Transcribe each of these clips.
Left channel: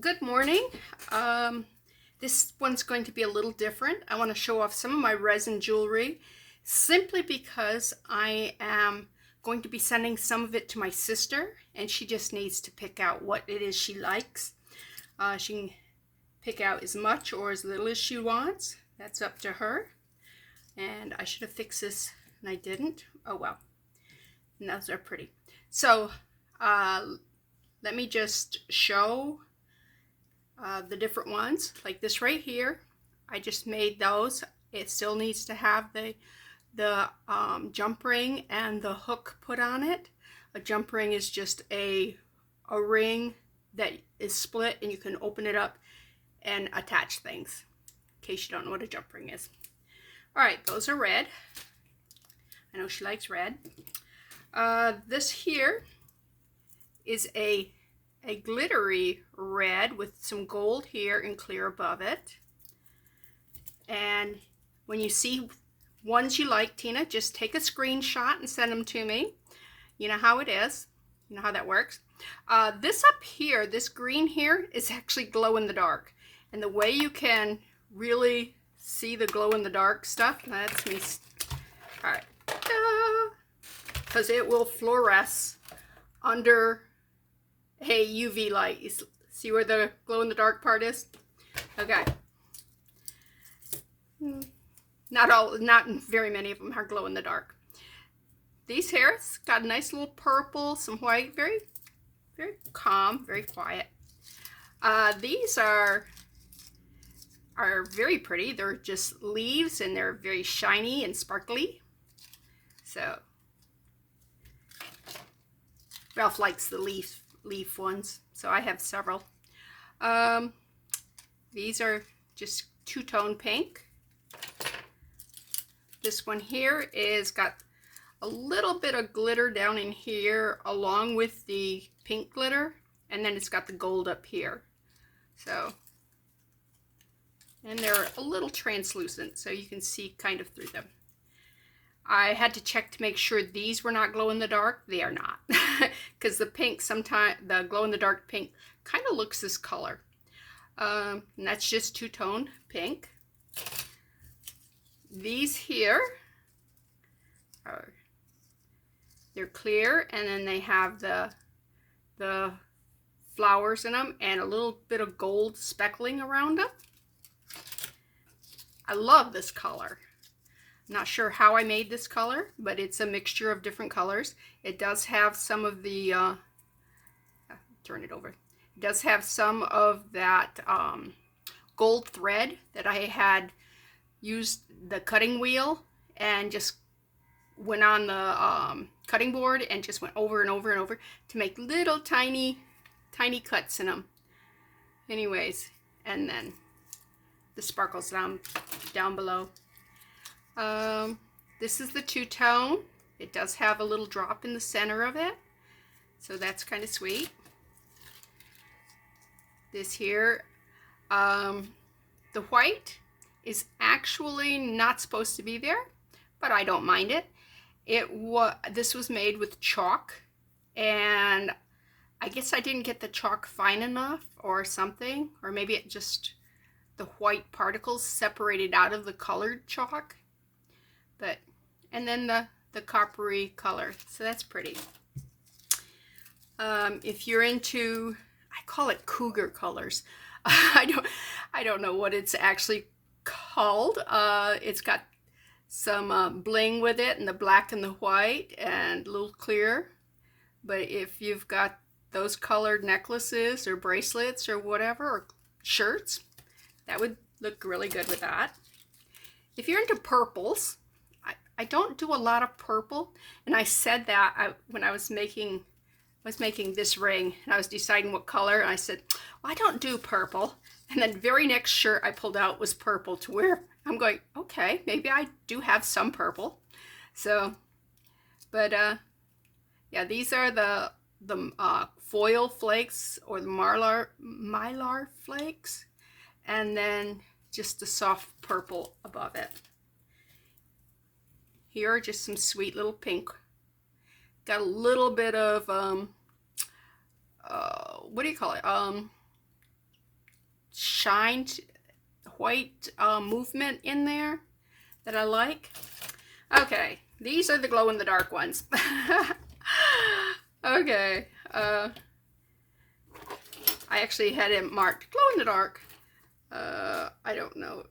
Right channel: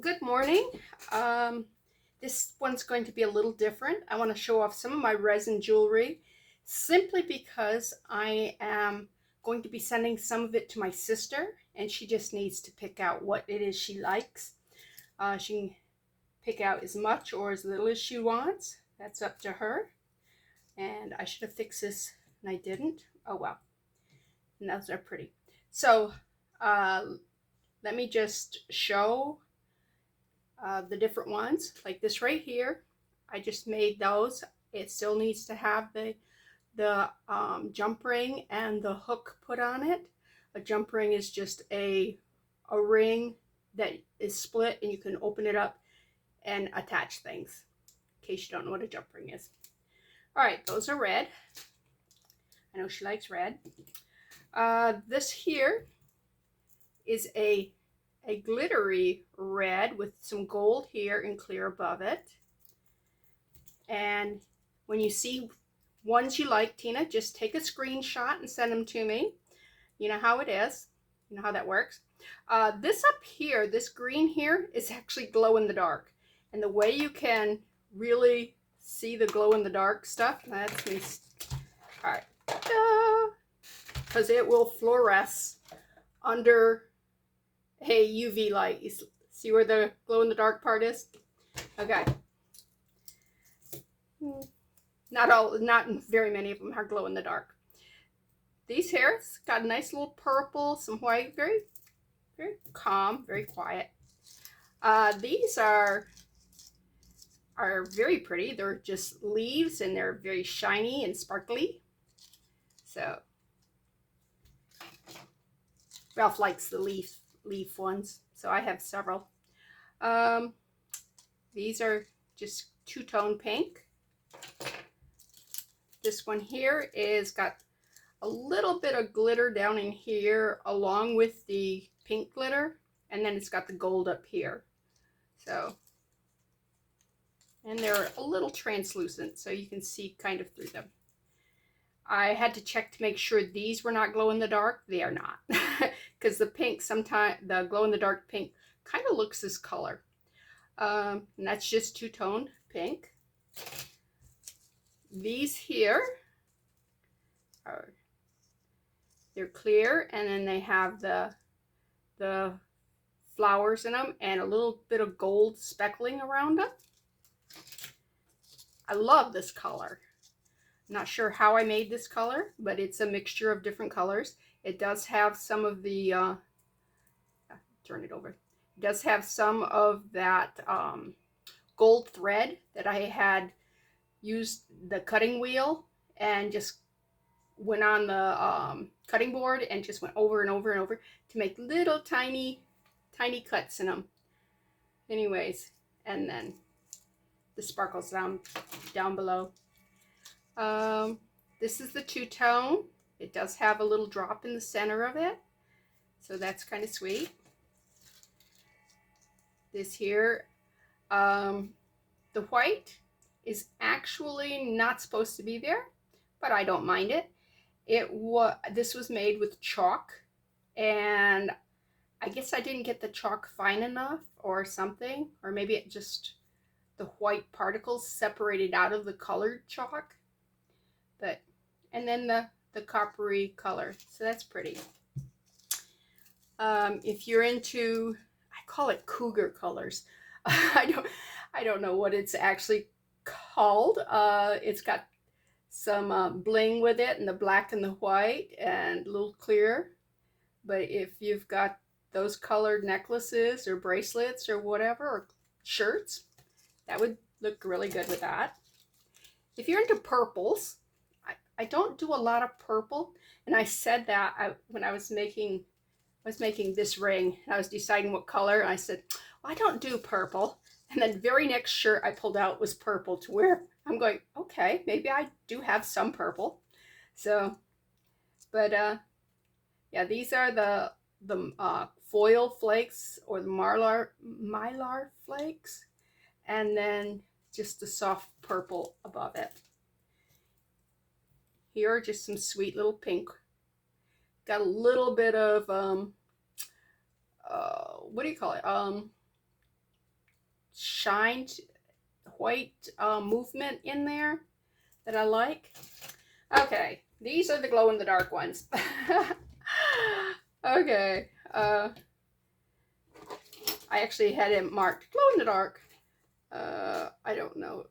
Good morning. This one's going to be a little different. I want to show off some of my resin jewelry simply because I am going to be sending some of it to my sister, and she just needs to pick out what it is she likes. She can pick out as much or as little as she wants. That's up to her. And I should have fixed this and I didn't. Oh well. And those are pretty. So let me just show the different ones, like this right here. I just made those. It still needs to have the jump ring and the hook put on it. A jump ring is just a ring that is split and you can open it up and attach things, in case you don't know what a jump ring is. All right, those are red. I know she likes red. This here is a glittery red with some gold here and clear above it. And when you see ones you like, Tina, just take a screenshot and send them to me. You know how it is. You know how that works. This up here, this green here, is actually glow in the dark. And the way you can really see the glow in the dark stuff, that's me. All right. Because it will fluoresce under a UV light. You see where the glow in the dark part is? Okay. Not very many of them are glow in the dark. These hairs got a nice little purple, some white, very, very calm, very quiet. These are very pretty. They're just leaves and they're very shiny and sparkly. So Ralph likes the leaf ones, so I have several. These are just two-tone pink. This one here is got a little bit of glitter down in here along with the pink glitter, and then it's got the gold up here. So, and they're a little translucent, so you can see kind of through them. I had to check to make sure these were not glow in the dark. They are not, because the pink, sometimes the glow in the dark pink kind of looks this color. And that's just two-tone pink. These here they're clear, and then they have the flowers in them and a little bit of gold speckling around them. I love this color. Not sure how I made this color, but it's a mixture of different colors. It does have some of the, turn it over. It does have some of that gold thread that I had used the cutting wheel and just went on the cutting board and just went over and over and over to make little tiny cuts in them. Anyways, and then the sparkles down below. This is the two-tone. It does have a little drop in the center of it, so that's kind of sweet. This here, the white is actually not supposed to be there, but I don't mind it. This was made with chalk, and I guess I didn't get the chalk fine enough or something, or maybe it just, the white particles separated out of the colored chalk. But, and then the coppery color, so that's pretty. If you're into, I call it cougar colors. I don't know what it's actually called. It's got some bling with it, and the black and the white and a little clear. But if you've got those colored necklaces or bracelets or whatever, or shirts, that would look really good with that. If you're into purples, I don't do a lot of purple, and I said that when I was making this ring, and I was deciding what color, and I said, well, I don't do purple. And then the very next shirt I pulled out was purple, to where I'm going, okay, maybe I do have some purple. So, but yeah, these are the foil flakes, or the mylar flakes, and then just the soft purple above it. Here are just some sweet little pink. Got a little bit of what do you call it? shined white movement in there that I like. Okay, these are the glow-in-the-dark ones. Okay, I actually had it marked glow-in-the-dark. I don't know.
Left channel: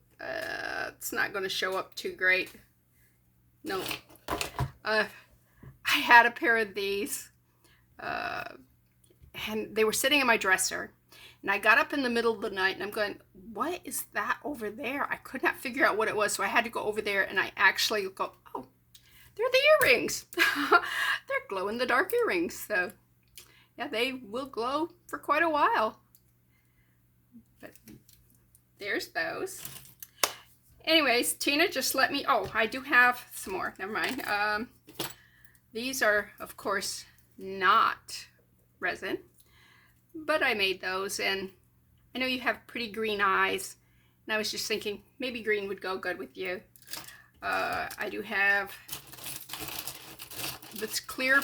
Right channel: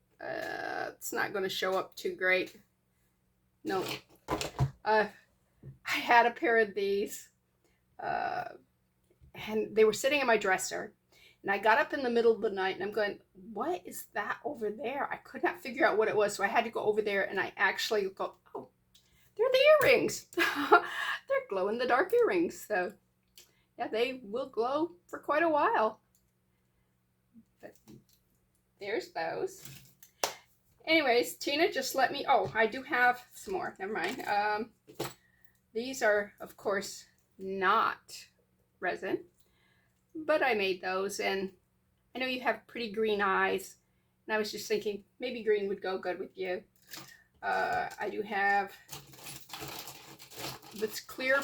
It's not going to show up too great. No. I had a pair of these, and they were sitting in my dresser. And I got up in the middle of the night and I'm going, what is that over there? I could not figure out what it was. So I had to go over there and I actually go, oh, they're the earrings. They're glow-in-the-dark earrings. So yeah, they will glow for quite a while. But there's those. Anyways, Tina just let me, oh, I do have some more. Never mind. These are, of course, not resin. But I made those, and I know you have pretty green eyes, and I was just thinking maybe green would go good with you. I do have this clear,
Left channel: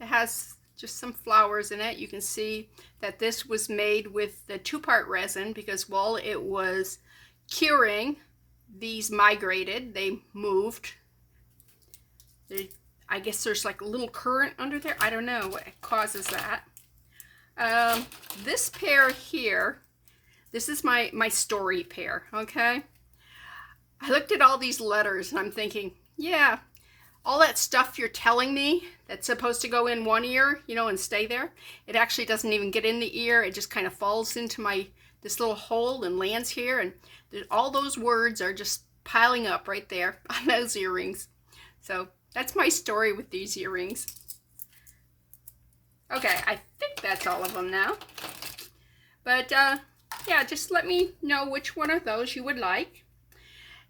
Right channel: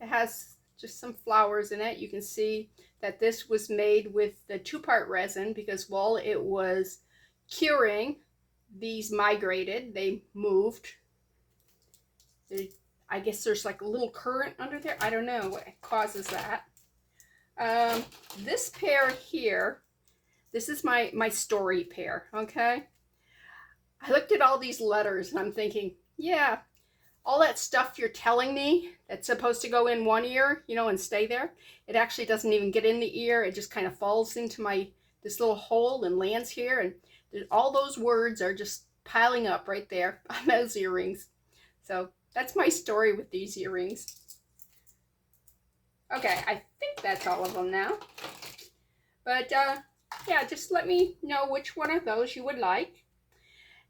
it has just some flowers in it. You can see that this was made with the 2-part resin because while it was curing, these migrated, they moved. I guess there's like a little current under there. I don't know what causes that. This pair here, this is my story pair, okay? I looked at all these letters and I'm thinking, yeah, all that stuff you're telling me that's supposed to go in one ear, you know, and stay there, it actually doesn't even get in the ear. It just kind of falls into this little hole and lands here, and all those words are just piling up right there on those earrings. So that's my story with these earrings. Okay, I think that's all of them now. But yeah, just let me know which one of those you would like.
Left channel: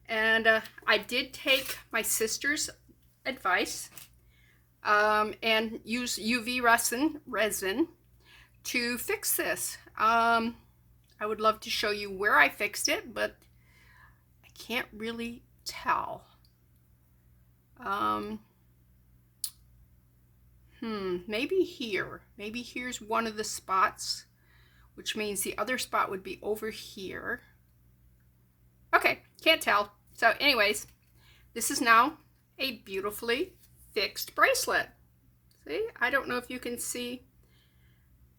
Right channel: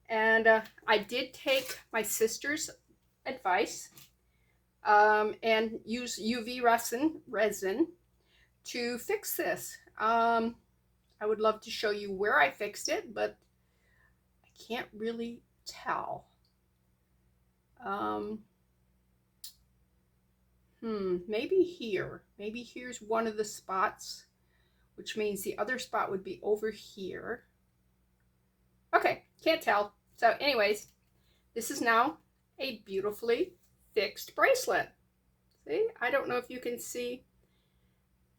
And I did take my sister's advice and use UV resin to fix this. I would love to show you where I fixed it, but I can't really tell. Maybe here. Maybe here's one of the spots, which means the other spot would be over here. Okay, can't tell. So anyways, this is now a beautifully fixed bracelet. See, I don't know if you can see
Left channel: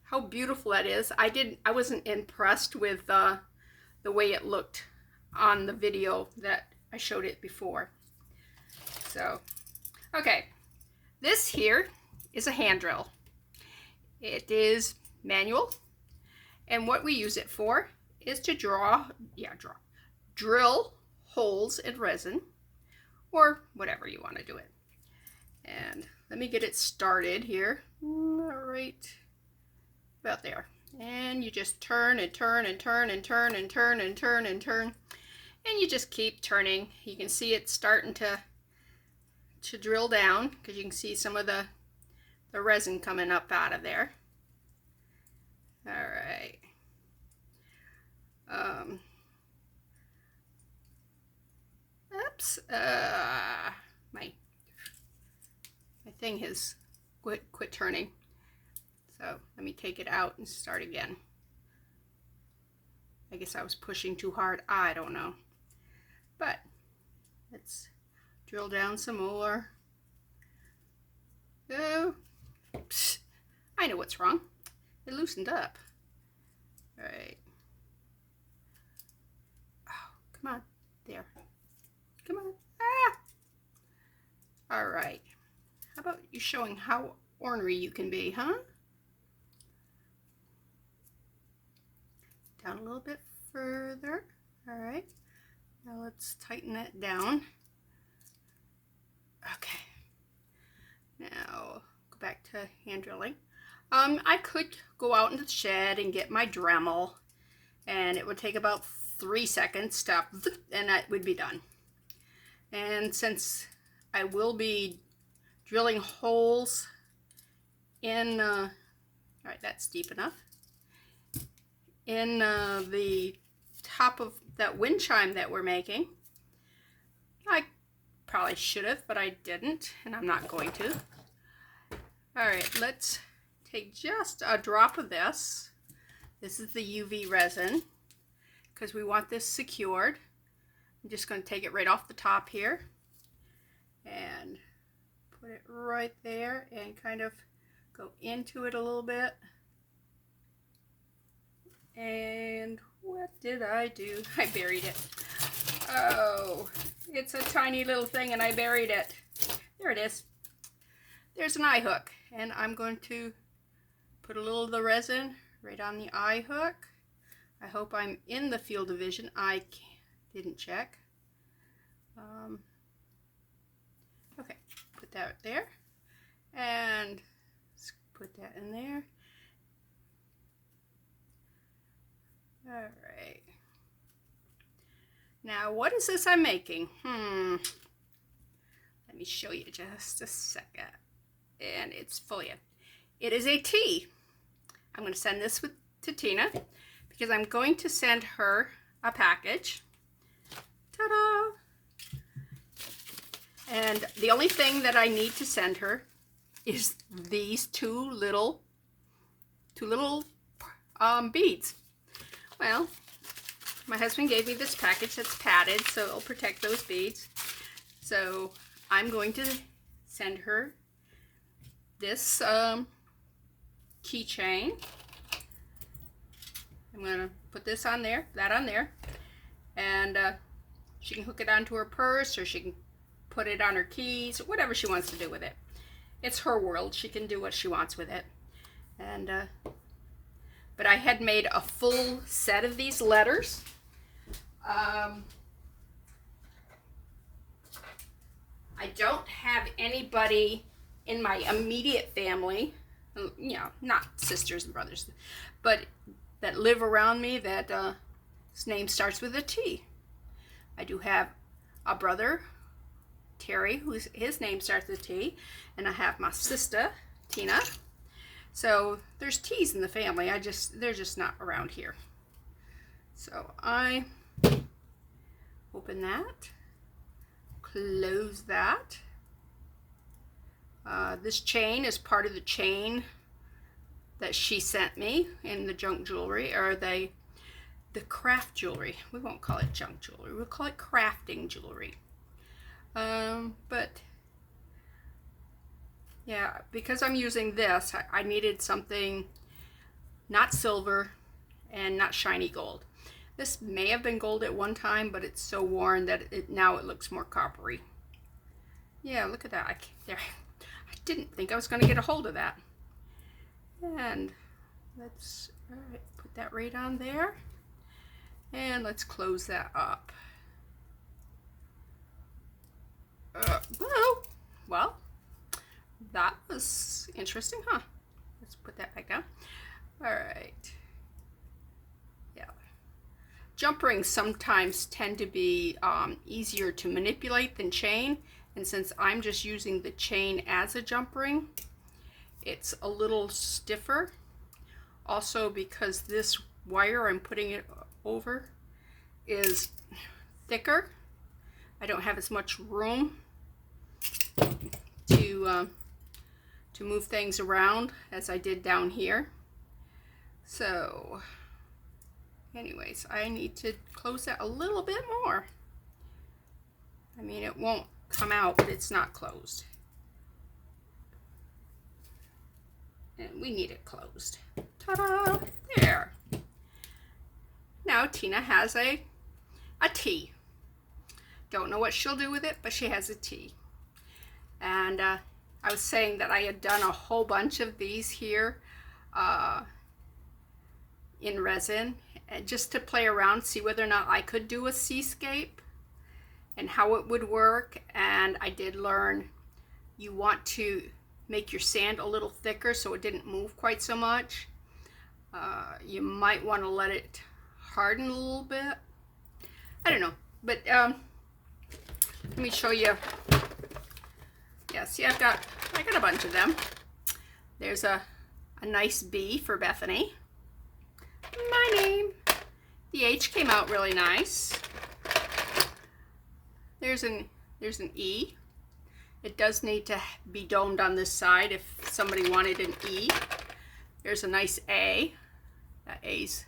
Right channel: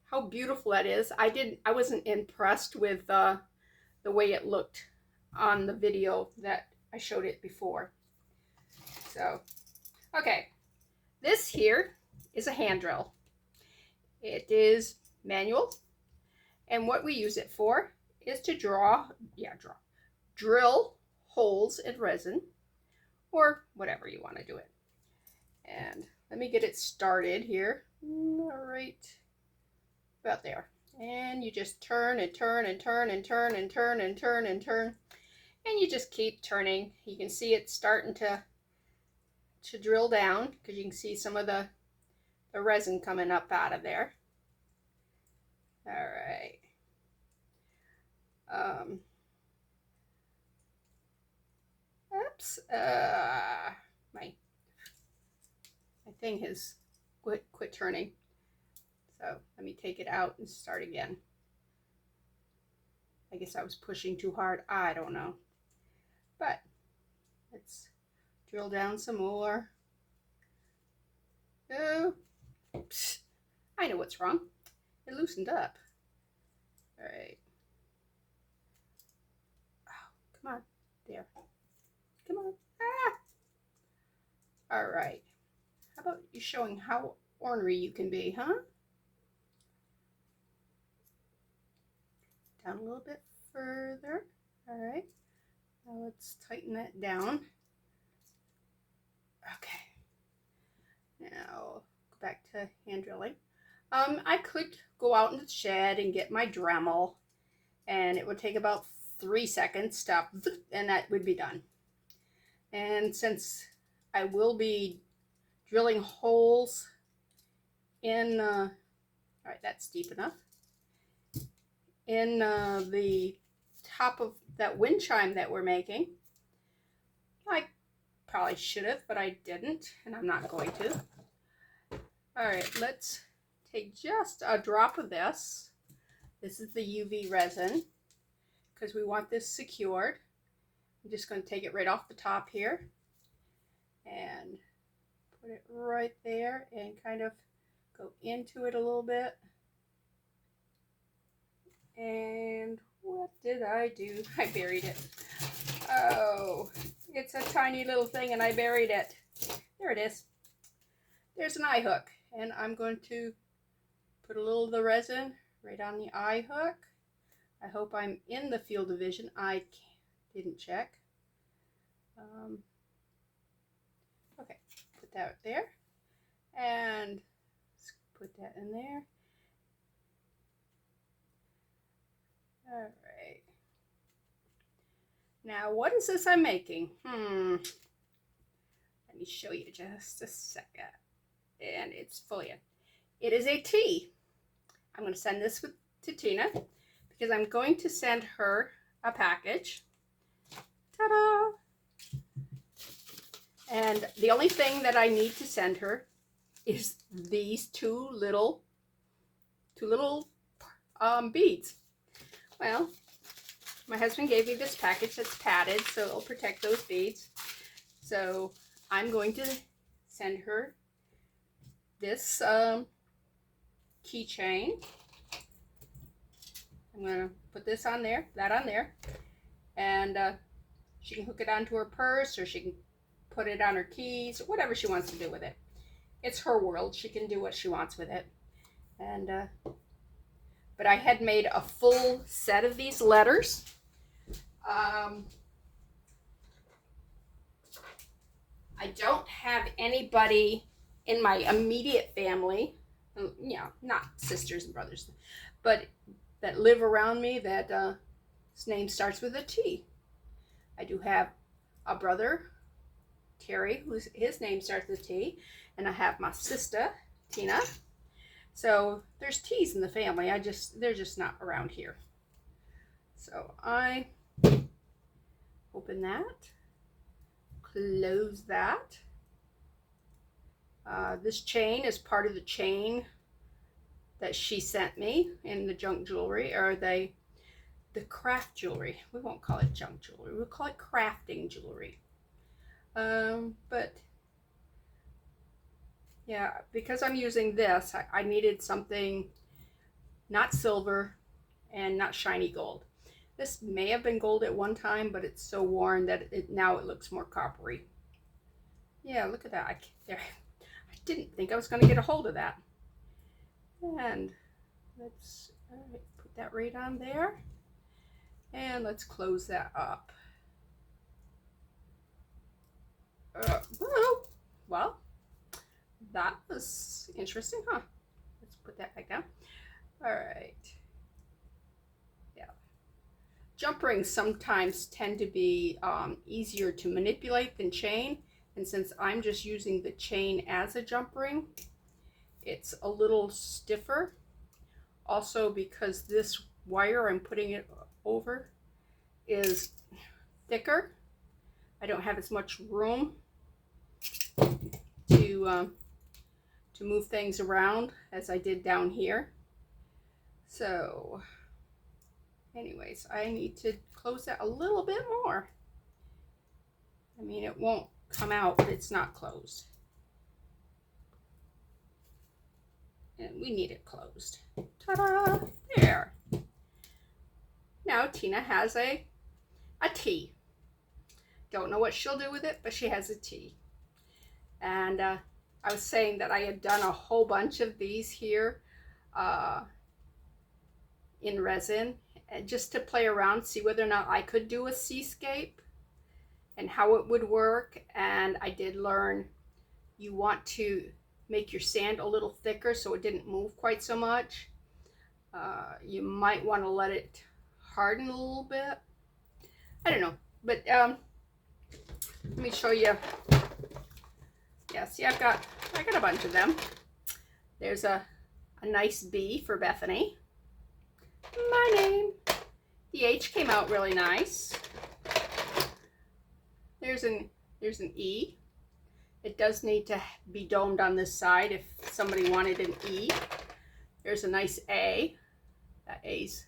how beautiful that is. I wasn't impressed with the way it looked on the video that I showed it before. So, okay, this here is a hand drill. It is manual, and what we use it for is to drill holes in resin, or whatever you want to do it. And let me get it started here, right about there. And you just turn and turn and turn and turn and turn and turn and turn, and you just keep turning. You can see it starting to drill down because you can see some of the resin coming up out of there. All right. Oops. My thing has quit turning. So let me take it out and start again. I guess I was pushing too hard. I don't know. But let's drill down some more. Oh, oops. I know what's wrong. It loosened up. All right. Oh, come on. There. Come on. Ah! All right. How about you showing how ornery you can be, huh? Down a little bit further. All right. Now let's tighten that down. Okay. Now go back to hand drilling. I could go out into the shed and get my Dremel, and it would take about 3 seconds to, and that would be done. And since I will be drilling holes in, all right, that's deep enough, in the top of that wind chime that we're making, I probably should have, but I didn't, and I'm not going to. All right, let's take just a drop of this. This is the UV resin because we want this secured. I'm just going to take it right off the top here and put it right there and kind of go into it a little bit. And what did I do? I buried it. Oh, it's a tiny little thing and I buried it. There it is. There's an eye hook, and I'm going to put a little of the resin right on the eye hook. I hope I'm in the field of vision. I didn't check. Okay, put that there, and let's put that in there. All right. Now, what is this I'm making? Let me show you just a second. And it's folia. It is a tea. I'm going to send this to Tina because I'm going to send her a package. Ta-da! And the only thing that I need to send her is these two little beads. Well, my husband gave me this package that's padded, so it'll protect those beads. So I'm going to send her this keychain. I'm going to put this on there, that on there, and she can hook it onto her purse, or she can put it on her keys, whatever she wants to do with it. It's her world. She can do what she wants with it. And but I had made a full set of these letters. I don't have anybody in my immediate family, you know, not sisters and brothers, but that live around me that his name starts with a T. I do have a brother, Terry, his name starts with T, and I have my sister, Tina. So there's T's in the family. They're just not around here. So I open that, close that. This chain is part of the chain that she sent me in the junk jewelry, or the craft jewelry. We won't call it junk jewelry. We'll call it crafting jewelry. But yeah, because I'm using this, I needed something not silver and not shiny gold. This may have been gold at one time, but it's so worn that now it looks more coppery. Yeah, look at that. I didn't think I was going to get a hold of that. And let's put that right on there. And let's close that up. Well, that was interesting, huh? Let's put that back down. All right. Yeah. Jump rings sometimes tend to be easier to manipulate than chain. And since I'm just using the chain as a jump ring, it's a little stiffer. Also because this wire I'm putting it over is thicker. I don't have as much room to move things around as I did down here. So anyways, I need to close that a little bit more. I mean, it won't come out, but it's not closed. And we need it closed. Ta-da! There. Now Tina has a tea. Don't know what she'll do with it, but she has a tea. And I was saying that I had done a whole bunch of these here in resin, just to play around, see whether or not I could do a seascape and how it would work. And I did learn you want to make your sand a little thicker so it didn't move quite so much. You might want to let it harden a little bit. I don't know, but let me show you. Yeah, see, I got a bunch of them. There's a nice B for Bethany. My name. The H came out really nice. There's an E. It does need to be domed on this side if somebody wanted an E. There's a nice A. That A's.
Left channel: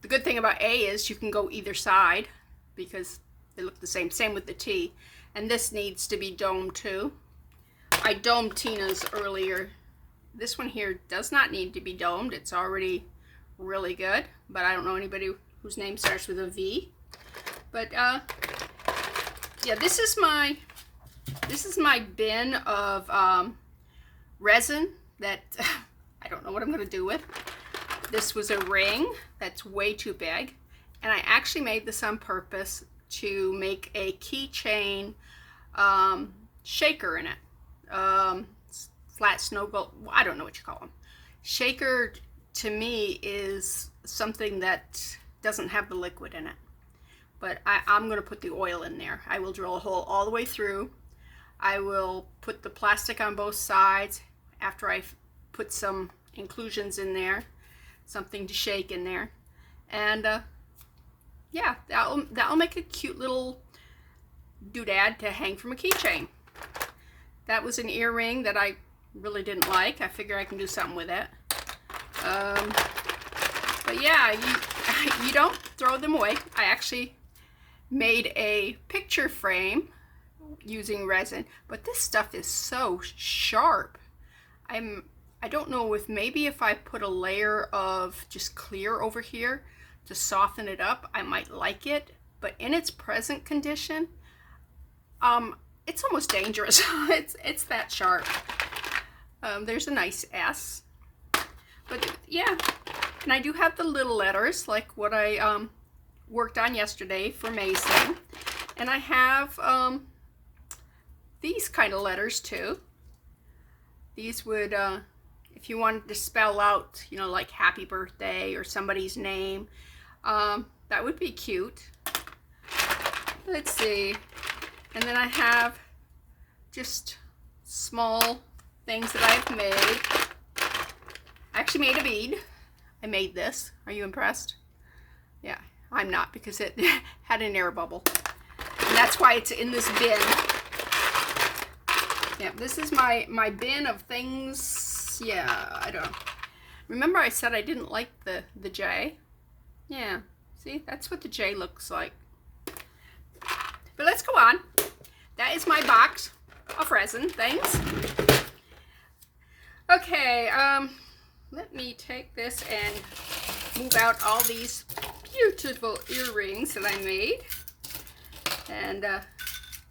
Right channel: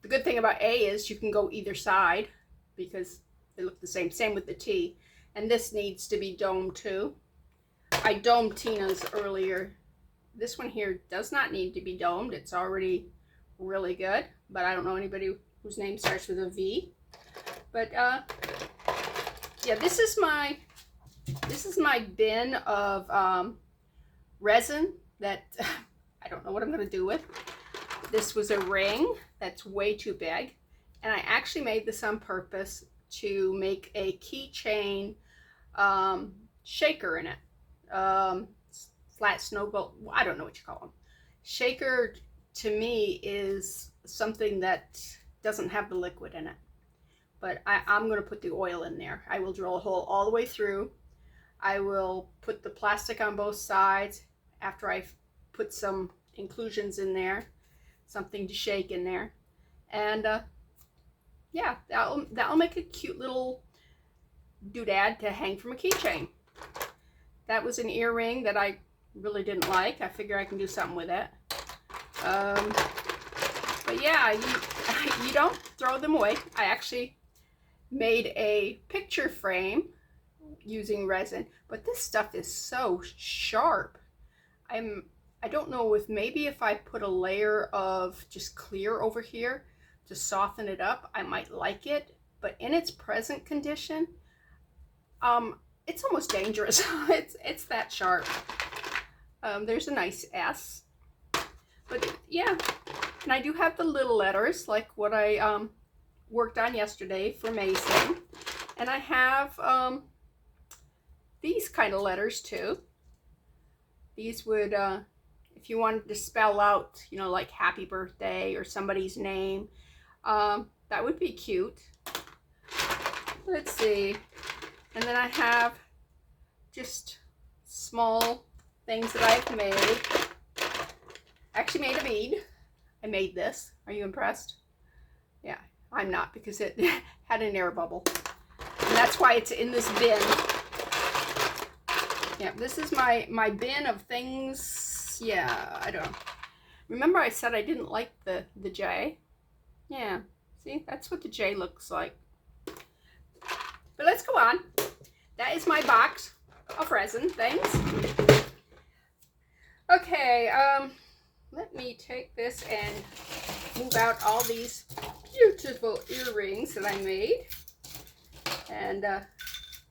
The good thing about A is you can go either side because they look the same. Same with the T. And this needs to be domed too. I domed Tina's earlier. This one here does not need to be domed. It's already really good, but I don't know anybody whose name starts with a V. But yeah, this is my bin of resin that I don't know what I'm gonna do with. This was a ring that's way too big, and I actually made this on purpose to make a keychain shaker in it. Flat snow globe, I don't know what you call them. Shaker to me is something that doesn't have the liquid in it. But I'm going to put the oil in there. I will drill a hole all the way through. I will put the plastic on both sides after I've put some inclusions in there, something to shake in there. And yeah, that'll make a cute little doodad to hang from a keychain. That was an earring that I really didn't like. I figure I can do something with it. But yeah, you don't throw them away. I actually made a picture frame using resin, but this stuff is so sharp. I don't know if maybe if I put a layer of just clear over here to soften it up, I might like it, but in its present condition, it's almost dangerous. It's that sharp. There's a nice S, but yeah, and I do have the little letters like what I worked on yesterday for Mason, and I have these kind of letters too. These would, if you wanted to spell out, you know, like happy birthday or somebody's name, that would be cute. Let's see. And then I have just small things that I've made. I actually made a bead. I made this. Are you impressed? Yeah, I'm not, because it had an air bubble. And that's why it's in this bin. Yeah, this is my bin of things. Yeah, I don't know. Remember I said I didn't like the J? Yeah, see, that's what the J looks like. But let's go on. That is my box of resin things. Okay, let me take this and move out all these beautiful earrings that I made. And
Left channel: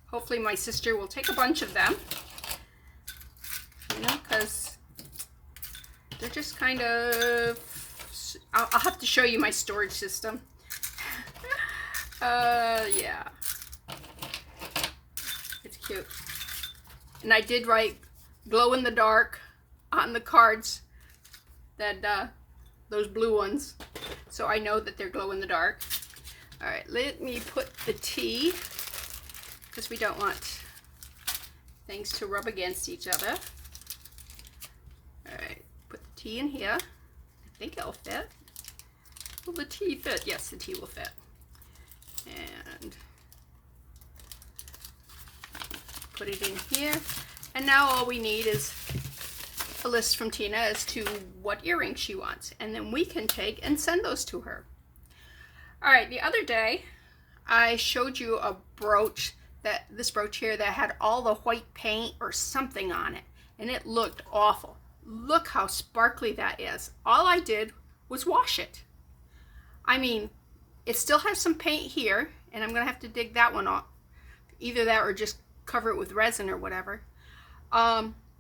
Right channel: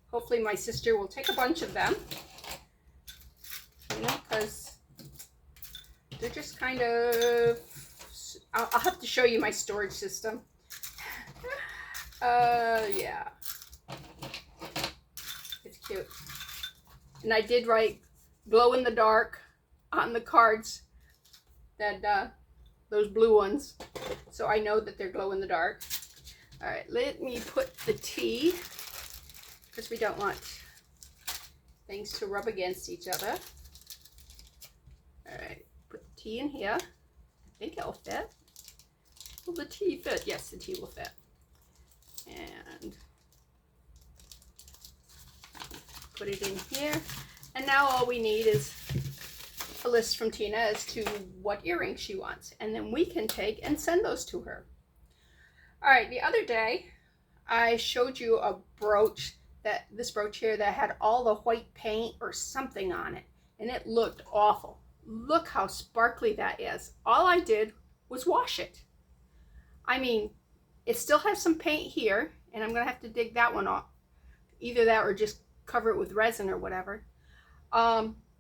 hopefully my sister will take a bunch of them. You know, because they're just kind of... I'll have to show you my storage system. Yeah. It's cute. And I did write glow in the dark on the cards, that those blue ones, so I know that they're glow in the dark. All right, let me put the T, because we don't want things to rub against each other. All right, put the T in here. I think it'll fit. Will the T fit? Yes, the T will fit. And put it in here. And now all we need is a list from Tina as to what earrings she wants. And then we can take and send those to her. All right, the other day I showed you a brooch, this brooch here that had all the white paint or something on it. And it looked awful. Look how sparkly that is. All I did was wash it. I mean, it still has some paint here, and I'm going to have to dig that one off. Either that or just cover it with resin or whatever.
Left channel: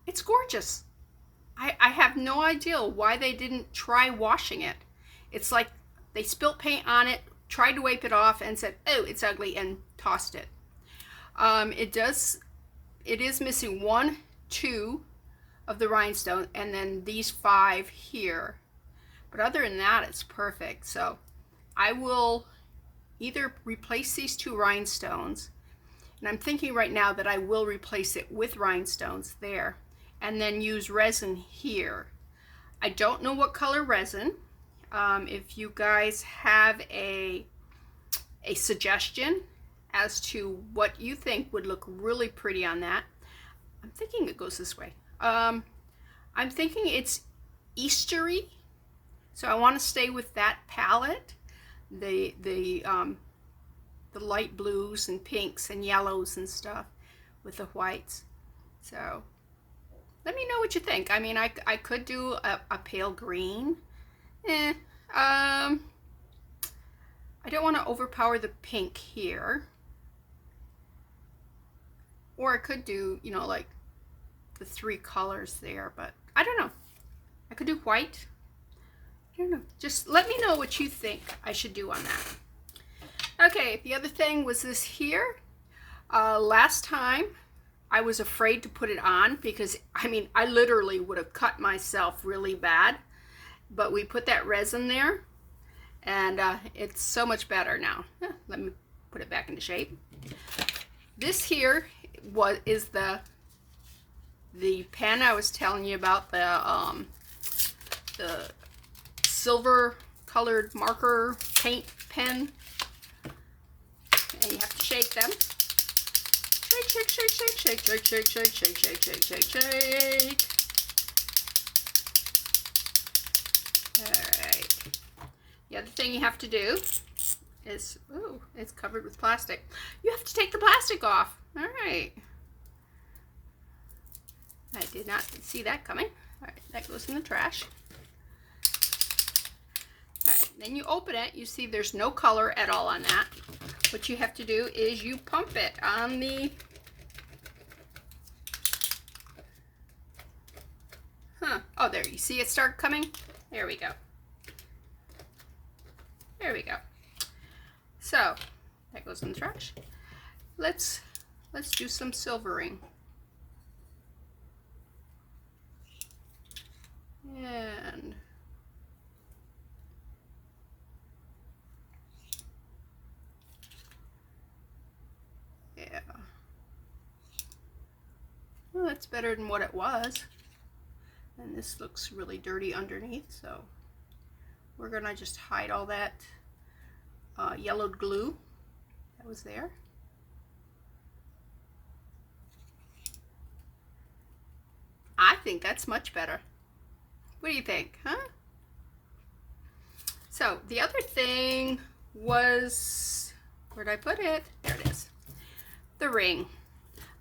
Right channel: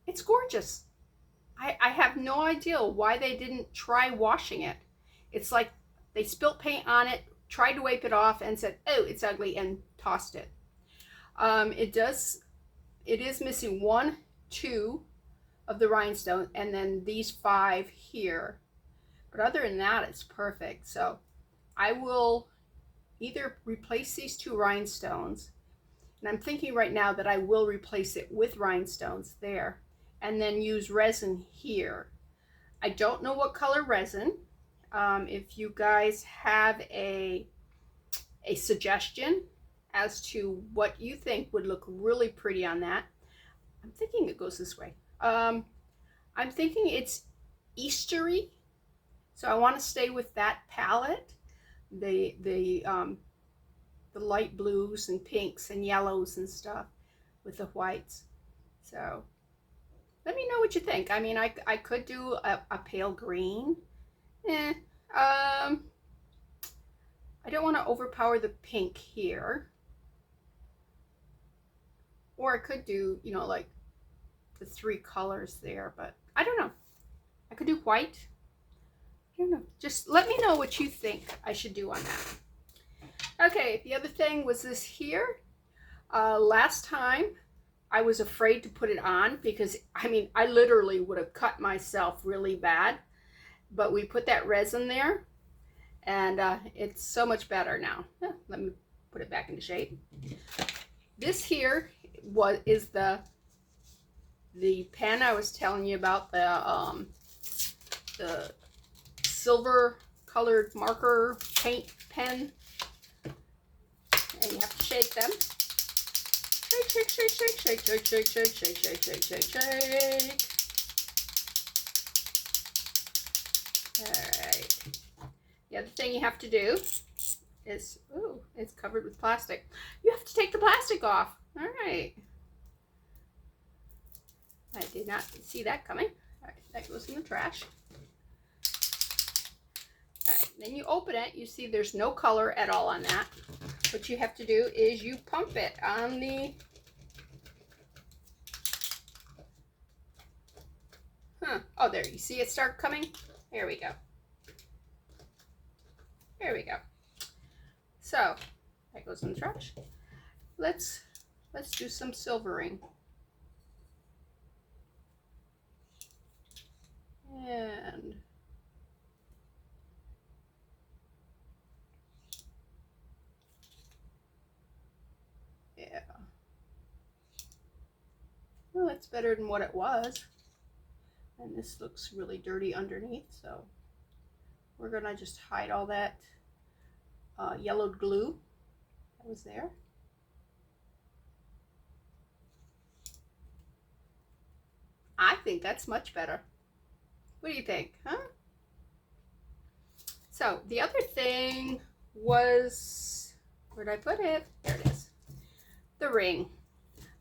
It's gorgeous. I have no idea why they didn't try washing it. It's like they spilt paint on it, tried to wipe it off, and said, oh, it's ugly, and tossed it. It is missing 1, 2 of the rhinestone, and then these 5 here. But other than that, it's perfect. So I will either replace these 2 rhinestones, and I'm thinking right now that I will replace it with rhinestones there, and then use resin here. I don't know what color resin. If you guys have a suggestion as to what you think would look really pretty on that, I'm thinking it goes this way. I'm thinking it's Eastery. So I want to stay with that palette, the light blues and pinks and yellows and stuff with the whites. So let me know what you think. I mean, I could do a pale green. I don't want to overpower the pink here. Or I could do, you know, like the 3 colors there, but I don't know. I could do white. I don't know. Just let me know what you think I should do on that. Okay, the other thing was this here. Last time I was afraid to put it on because, I mean, I literally would have cut myself really bad. But we put that resin there, and it's so much better now. Let me put it back into shape. This here is the pen I was telling you about, the silver colored marker paint pen. And you have to shake them. Shake, shake, shake, shake, shake, shake, shake, shake, shake, shake, shake, shake. Alright. The other thing you have to do is, ooh, it's covered with plastic. You have to take the plastic off. Alright. I did not see that coming. Alright, that goes in the trash. Alright, then you open it. You see there's no color at all on that. What you have to do is you pump it on the... Oh, there. You see it start coming? There we go. There we go. So, that goes in the trash. Let's do some silvering. And yeah. Well, that's better than what it was. And this looks really dirty underneath, so we're gonna just hide all that yellowed glue that was there. I think that's much better. What do you think, huh? So the other thing was, where'd I put it? There it is. The ring.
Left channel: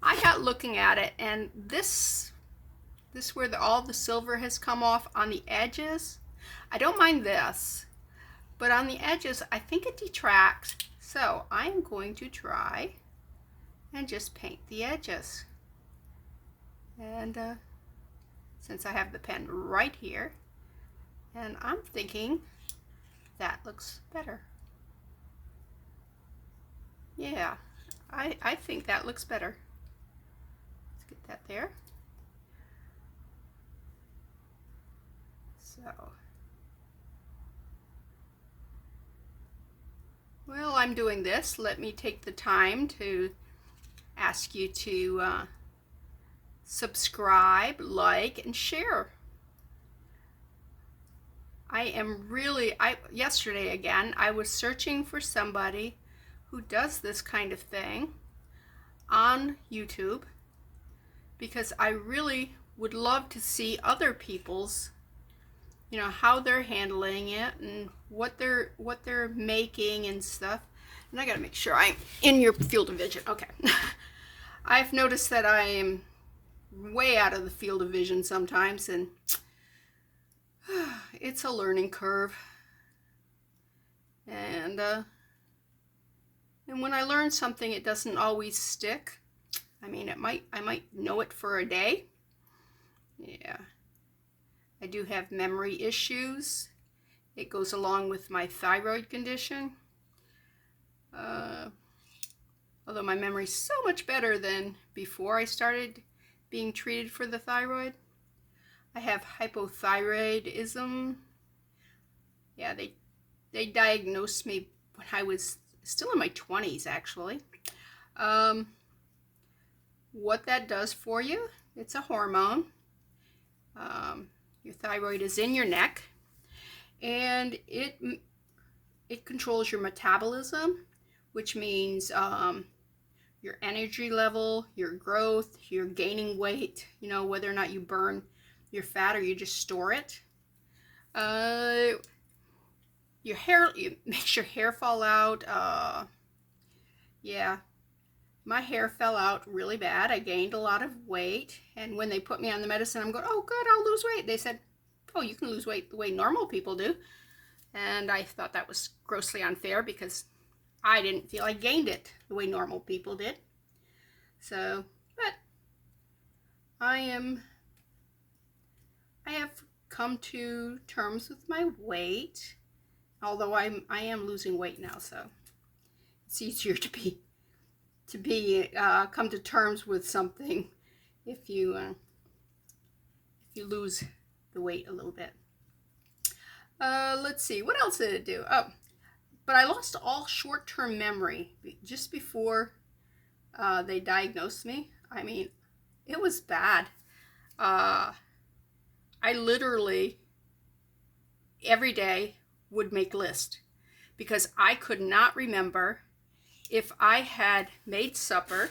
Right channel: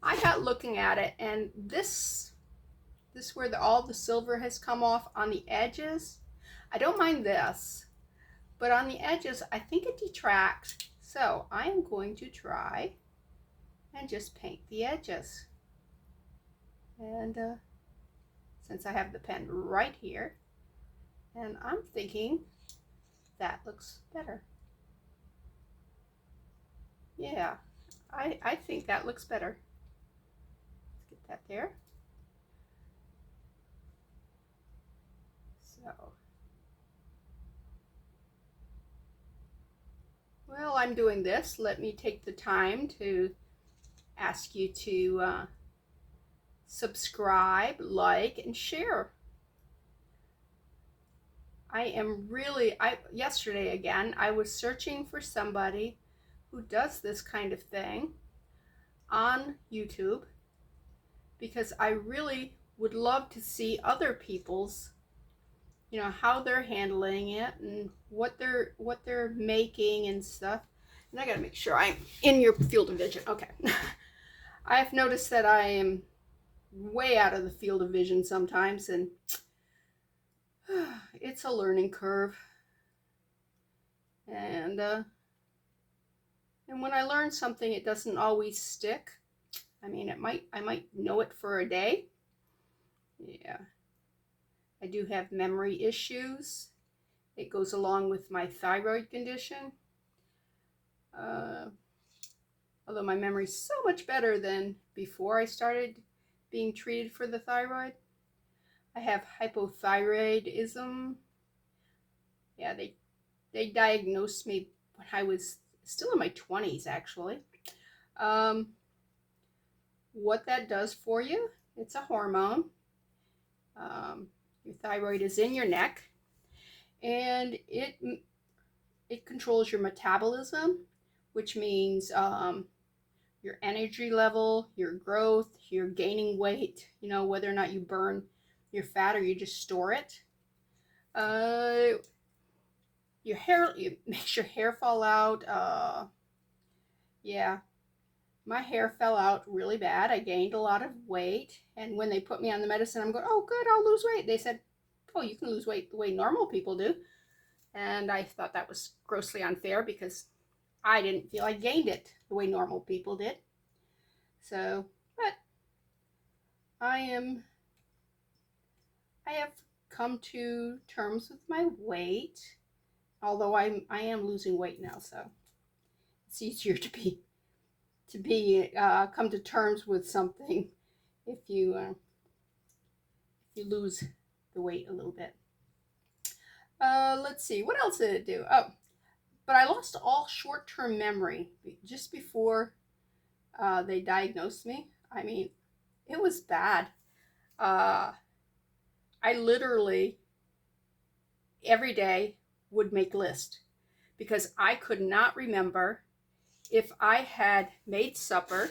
I got looking at it, and this where all the silver has come off on the edges. I don't mind this, but on the edges, I think it detracts. So I'm going to try and just paint the edges. And since I have the pen right here, and I'm thinking that looks better. Yeah, I think that looks better. Let's get that there. So, well, I'm doing this. Let me take the time to ask you to subscribe, like, and share. Yesterday again, I was searching for somebody who does this kind of thing on YouTube because I really would love to see other people's, you know, how they're handling it and what they're making and stuff. And I gotta make sure I'm in your field of vision. Okay. I've noticed that I am way out of the field of vision sometimes, and it's a learning curve. And when I learn something, it doesn't always stick. I mean, I might know it for a day. Yeah. I do have memory issues. It goes along with my thyroid condition. Although my memory's so much better than before I started being treated for the thyroid. I have hypothyroidism. Yeah, they diagnosed me when I was still in my 20s, actually. What that does for you, it's a hormone. Your thyroid is in your neck, and it controls your metabolism, which means your energy level, your growth, your gaining weight, you know, whether or not you burn your fat or you just store it. Uh, your hair, it makes your hair fall out. Yeah, my hair fell out really bad. I gained a lot of weight, and when they put me on the medicine, I'm going, oh, good, I'll lose weight. They said, oh, you can lose weight the way normal people do. And I thought that was grossly unfair because I didn't feel I gained it the way normal people did. So, but I have come to terms with my weight, although I am losing weight now, so it's easier to come to terms with something if you lose the weight a little bit. Let's see, what else did it do? Oh, but I lost all short-term memory just before they diagnosed me. I mean, it was bad. I literally every day would make lists because I could not remember if I had made supper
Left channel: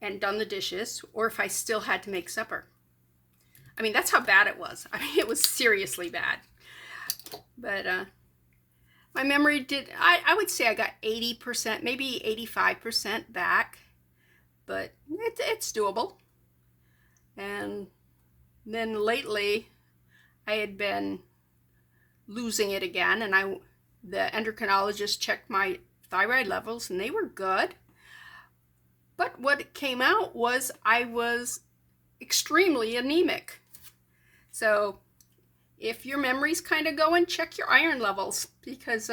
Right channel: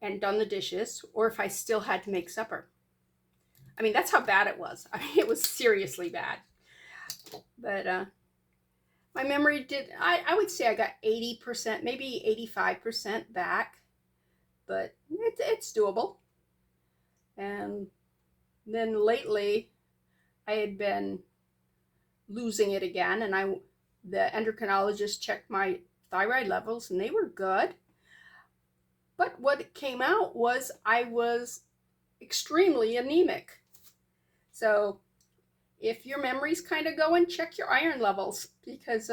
and done the dishes or if I still had to make supper. I mean, that's how bad it was. I mean, it was seriously bad. But my memory I would say I got 80%, maybe 85% back, but it's doable. And then lately I had been losing it again, and the endocrinologist checked my thyroid levels and they were good. But what came out was I was extremely anemic. So if your memory's kind of going, check your iron levels because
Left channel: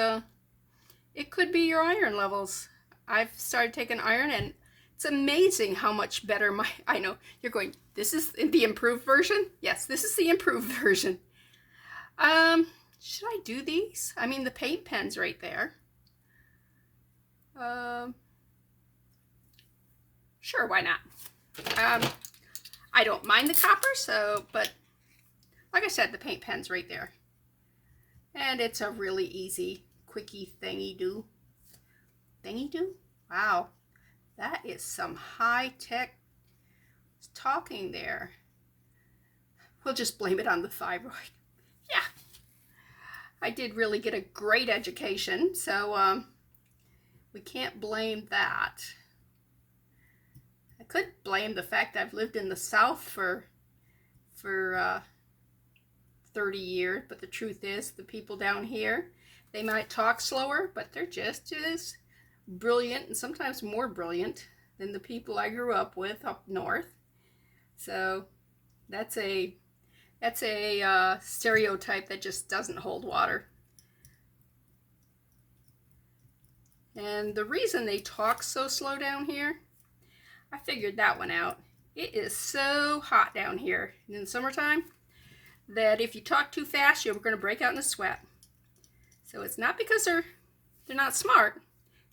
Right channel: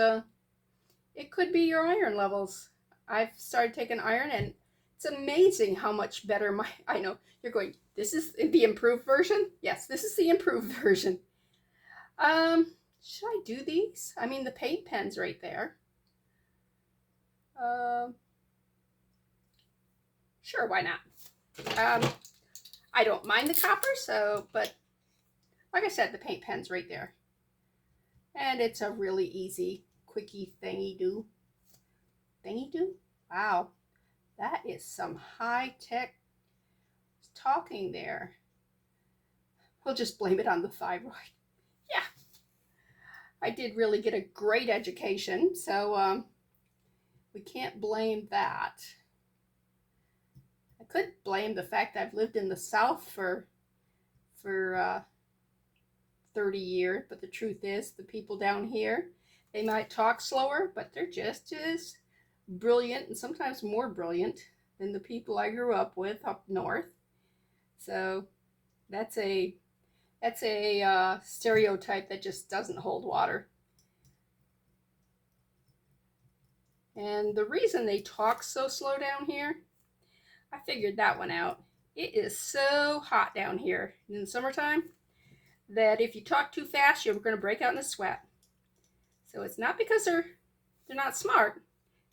it could be your iron levels. I've started taking iron and it's amazing how much better I know you're going, this is the improved version? Yes, this is the improved version. Should I do these? I mean, the paint pen's right there. Sure, why not? I don't mind the copper, but like I said, the paint pen's right there. And it's a really easy, quickie thingy-do. Thingy-do? Wow, that is some high-tech talking there. We'll just blame it on the thyroid. Yeah, I did really get a great education, so we can't blame that. I could blame the fact that I've lived in the South for 30 years, but the truth is the people down here, they might talk slower, but they're just as brilliant and sometimes more brilliant than the people I grew up with up north. So that's a stereotype that just doesn't hold water. And the reason they talk so slow down here, I figured that one out. It is so hot down here in the summertime that if you talk too fast, you're going to break out in a sweat. So it's not because they're not smart.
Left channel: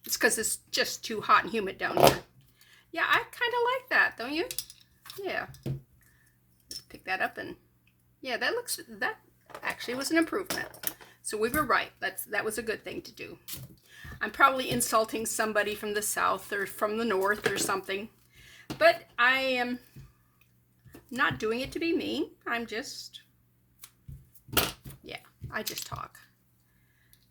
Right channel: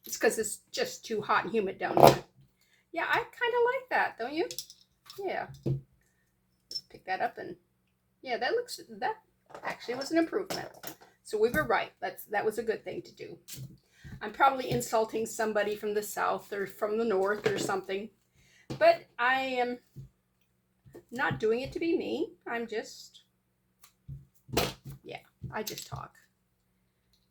It's because it's just too hot and humid down here. Yeah, I kind of like that, don't you? Yeah. Let's pick that up and yeah, that actually was an improvement. So we were right. That was a good thing to do. I'm probably insulting somebody from the South or from the North or something, but I am not doing it to be mean. I just talk.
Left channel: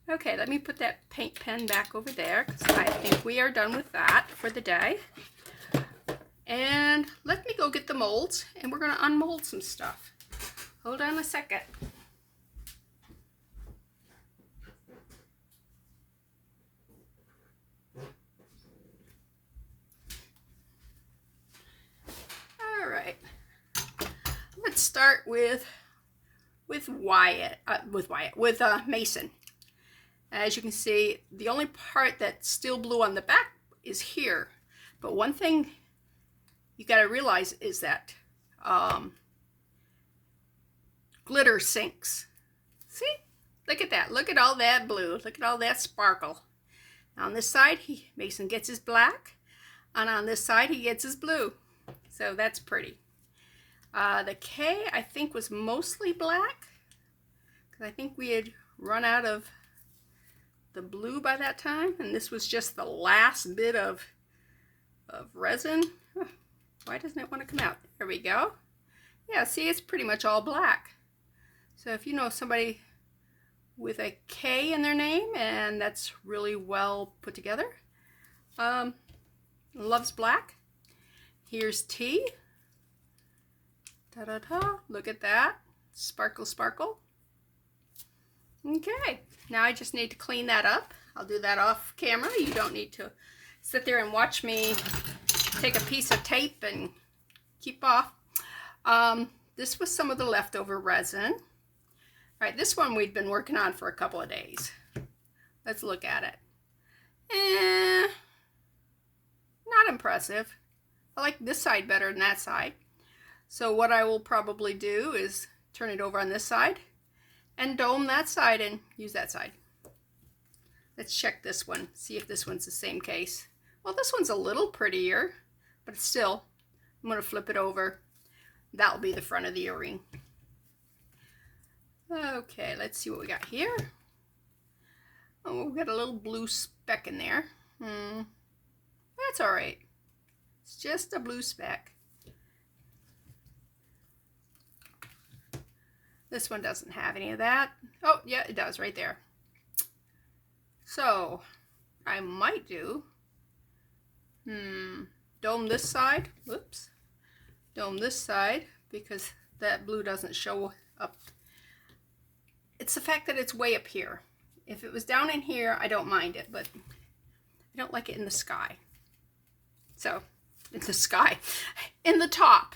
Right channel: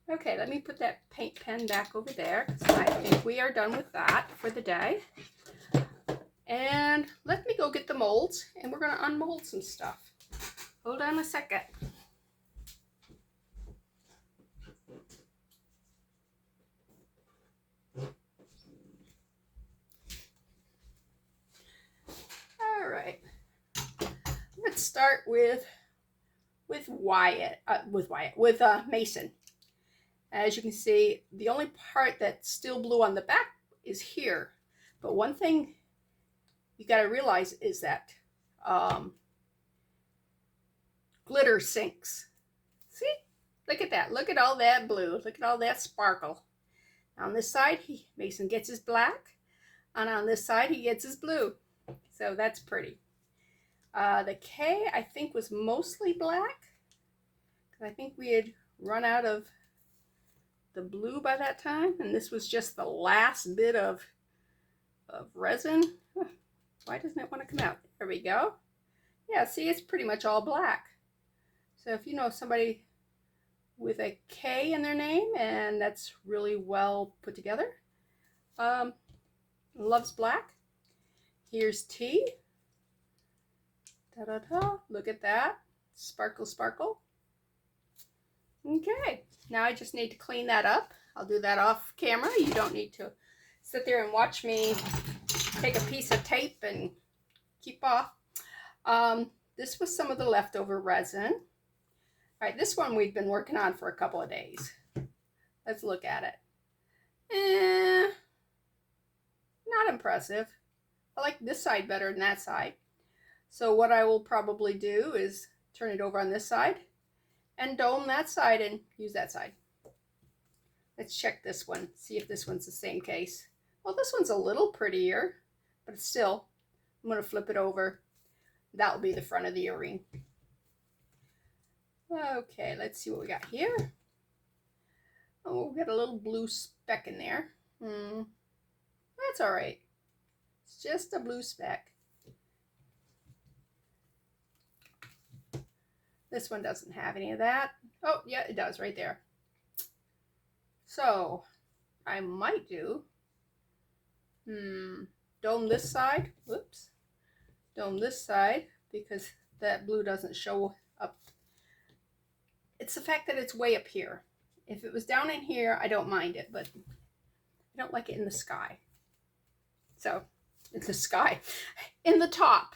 Okay, let me put that paint pen back over there because I think we are done with that for the day. And let me go get the molds and we're going to unmold some stuff. Hold on a second. All right. Let's start with Mason. As you can see, the only part that's still blue on the back is here. But one thing you got to realize is that glitter sinks. See? Look at that. Look at all that blue. Look at all that sparkle. On this side, Mason gets his black. And on this side, he gets his blue. So that's pretty. The K, I think, was mostly black. Because I think we had run out of the blue by that time. And this was just the last bit of resin. Why doesn't it want to come out? There we go. Yeah, see, it's pretty much all black. So if you know somebody with a K in their name and that's really well put together, loves black. Here's T. Ta-da-da. Look at that. Sparkle, sparkle. Okay, now I just need to clean that up. I'll do that off camera. You don't need to sit there and watch me take a piece of tape and keep off. This was some of the leftover resin. All right, this one we've been working on for a couple of days. Let's look at it. Not impressive. I like this side better than that side. So what I will probably do is turn it over on this side and dome that side and use that side. Let's check this one, see if this one's the same case. Well, this one's a little prettier, but still, I'm going to flip it over. That'll be the front of the earring. Okay, let's see what we got here. Oh, we've got a little blue speck in there. That's all right. It's just a blue speck. This one doesn't have any of that. Oh, yeah, it does right there. So, I might do, dome this side. Whoops. Dome this side because that blue doesn't show up. It's the fact that it's way up here. If it was down in here, I don't mind it, but I don't like it in the sky. So, in the sky, in the top.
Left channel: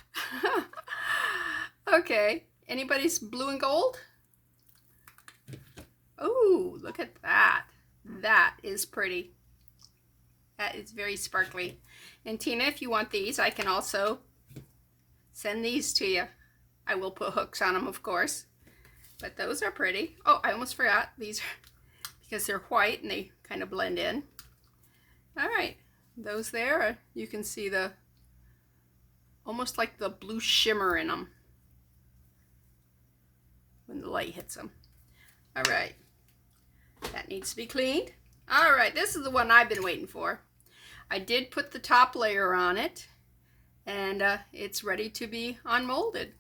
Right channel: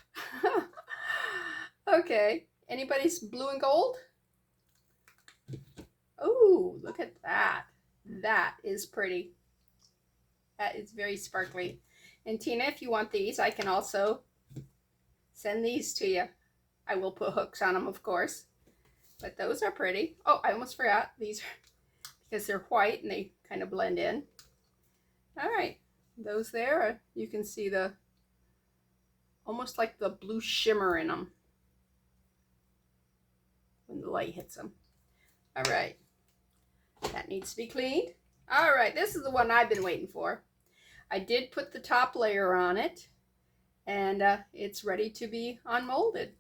Okay, anybody's blue and gold? Oh, look at that. That is pretty. That is very sparkly. And Tina, if you want these, I can also send these to you. I will put hooks on them, of course. But those are pretty. Oh, I almost forgot. These are, because they're white and they kind of blend in. All right. Those there, you can see the, almost like the blue shimmer in them when the light hits them. All right. That needs to be cleaned. All right, this is the one I've been waiting for. I did put the top layer on it, and it's ready to be unmolded.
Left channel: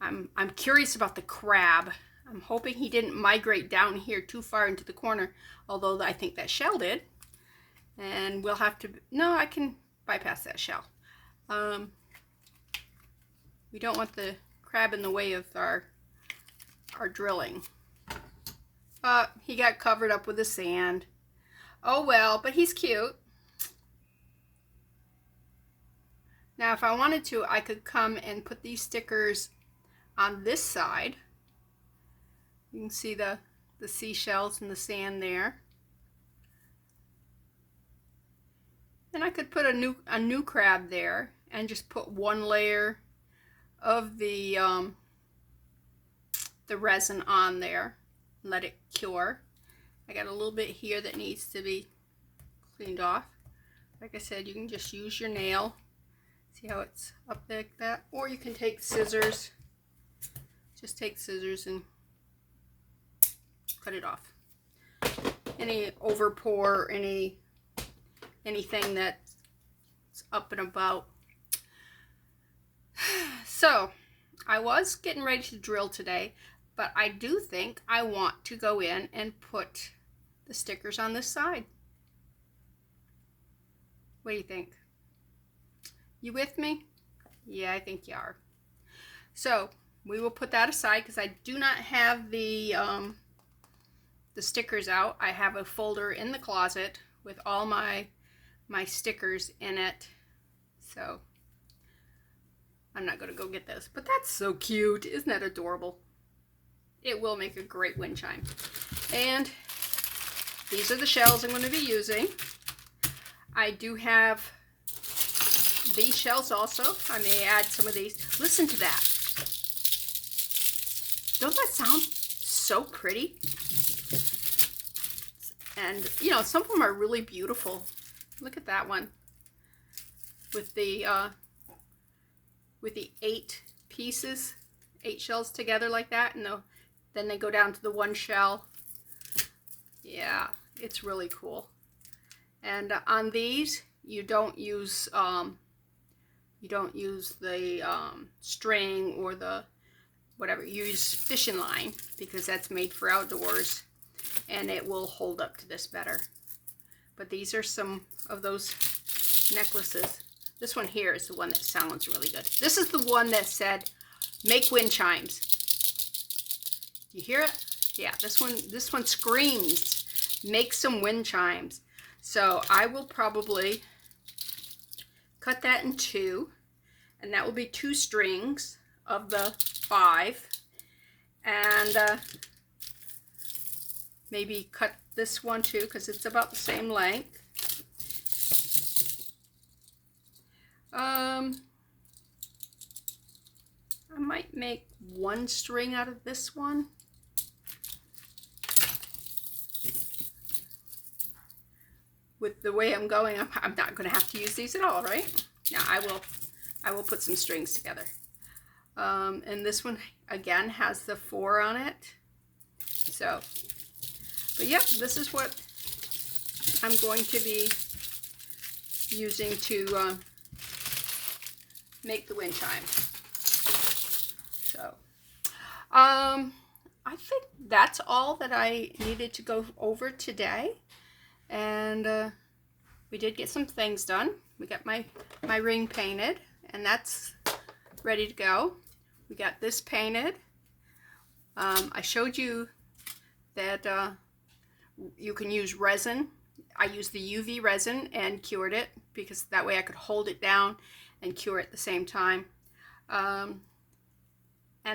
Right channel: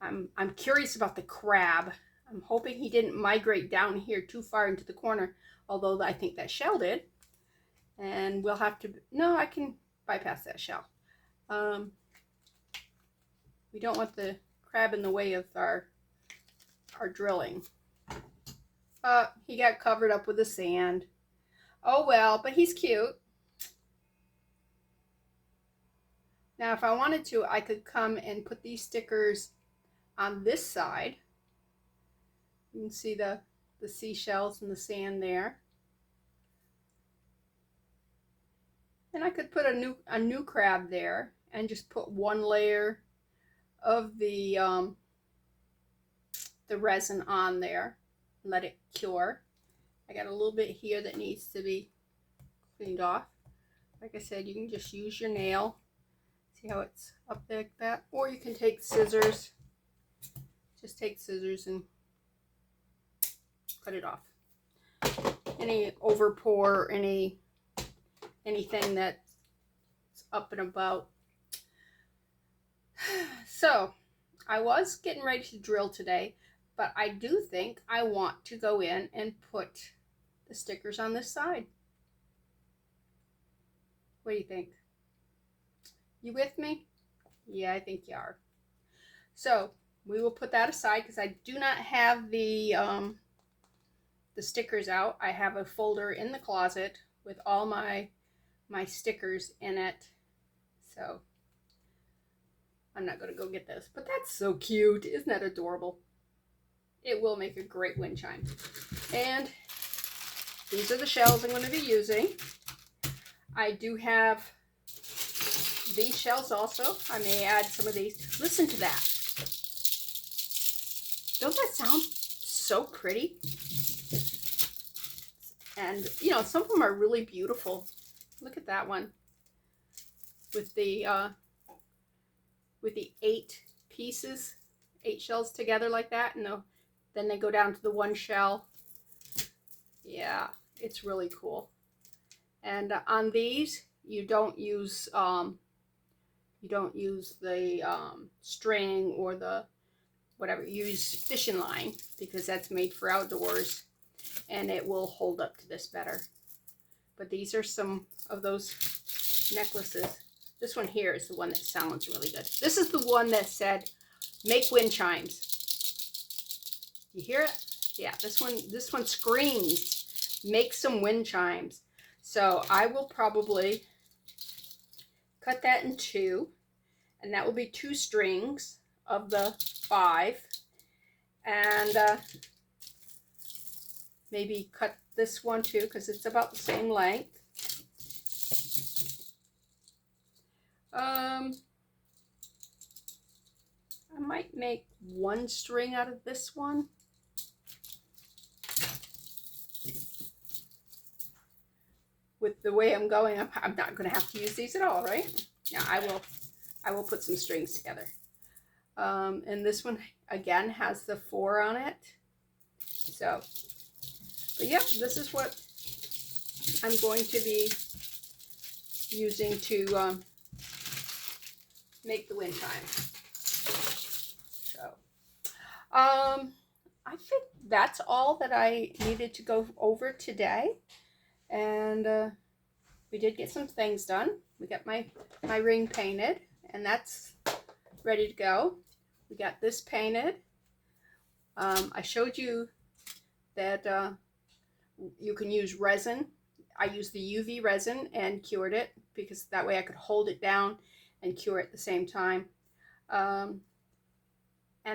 I'm curious about the crab. I'm hoping he didn't migrate down here too far into the corner, although I think that shell did. And we'll have to, no, I can bypass that shell. We don't want the crab in the way of our drilling. He got covered up with the sand. Oh well, but he's cute. Now if I wanted to, I could come and put these stickers on this side. You can see the seashells and the sand there. And I could put a new crab there and just put one layer of the resin on there. Let it cure. I got a little bit here that needs to be cleaned off. Like I said, you can just use your nail. See how it's up like that? Or you can take scissors. Just take scissors and cut it off. Any overpour, anything that's up and about. So, I was getting ready to drill today, but I do think I want to go in and put the stickers on this side. What do you think? You with me? Yeah, I think you are. So we will put that aside because I do not have the stickers out. I have a folder in the closet with all my stickers in it. So I'm not going to go get those. But that's so cute. Isn't that adorable? It will make a great wind chime. And these are the shells I'm going to be using. I do have these shells also. I may add some of these. Listen to that. Don't that sound so pretty? And, you know, some of them are really beautiful. Look at that one. With the 8 pieces, 8 shells together like that. And then they go down to the one shell. Yeah, it's really cool. And on these, you don't use You don't use the string or the whatever. You use fishing line because that's made for outdoors and it will hold up to this better. But these are some of those necklaces. This one here is the one that sounds really good. This is the one that said, make wind chimes. You hear it? Yeah, this one screams, make some wind chimes. So I will probably cut that in two, and that will be 2 strings of the 5. And maybe cut this one too, because it's about the same length. I might make 1 string out of this one. With the way I'm going, I'm not going to have to use these at all, right? Now I will put some strings together. And this one again has the 4 on it. So, but yeah, this is what I'm going to be using to make the wind chime. So, I think that's all that I needed to go over today. And we did get some things done. We got my ring painted, and that's ready to go. We got this painted. I showed you that you can use resin. I used the UV resin and cured it because that way I could hold it down and cure it at the same time. And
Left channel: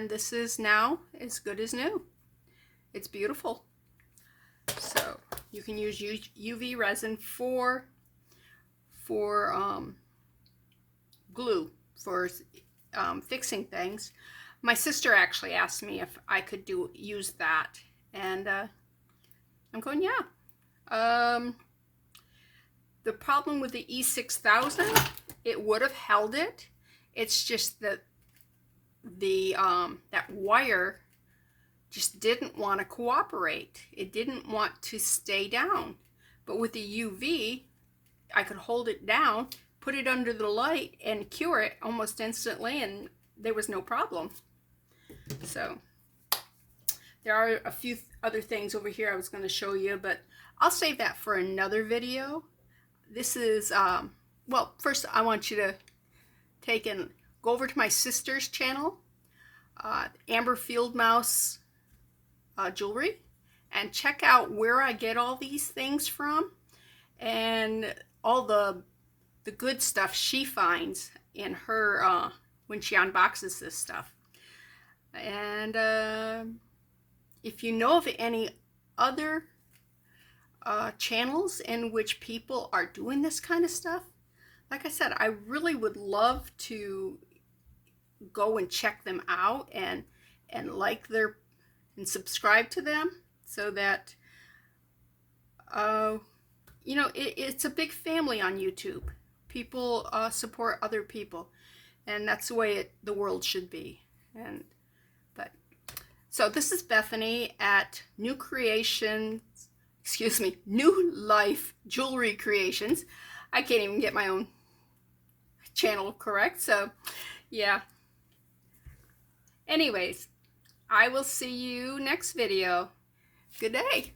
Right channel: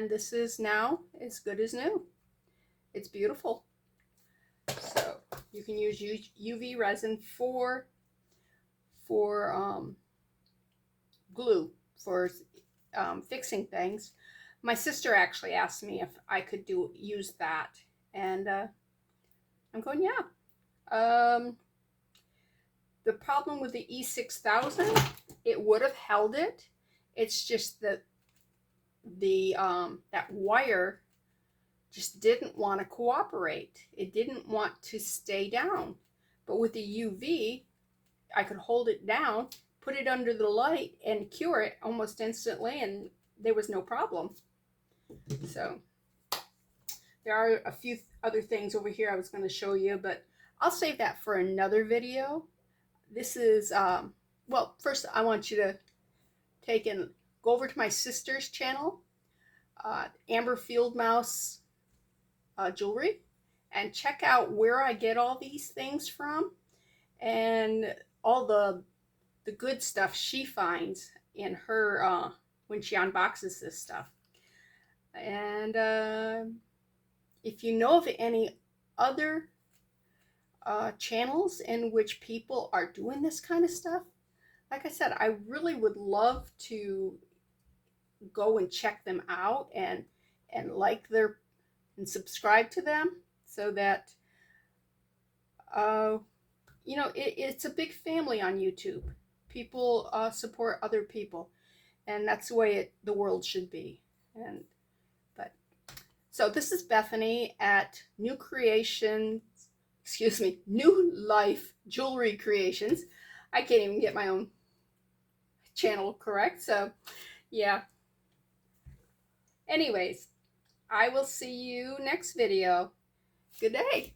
this is now as good as new. It's beautiful. So you can use UV resin for glue, for fixing things. My sister actually asked me if I could use that, and I'm going, yeah. The problem with the E6000, it would have held it. It's just that that wire just didn't want to cooperate. It didn't want to stay down. But with the UV, I could hold it down, put it under the light, and cure it almost instantly, and there was no problem. So there are a few other things over here I was going to show you, but I'll save that for another video. This is, well, first I want you to take and go over to my sister's channel, Amber Fieldmouse Jewelry, and check out where I get all these things from and all the good stuff she finds in her when she unboxes this stuff. And if you know of any other channels in which people are doing this kind of stuff, like I said, I really would love to go and check them out and like their and subscribe to them, so that you know, it's a big family on YouTube. People support other people, and that's the way the world should be. And so this is Bethany at New Life Jewelry Creations. I can't even get my own channel correct, so yeah. Anyways, I will see you next video. Good day.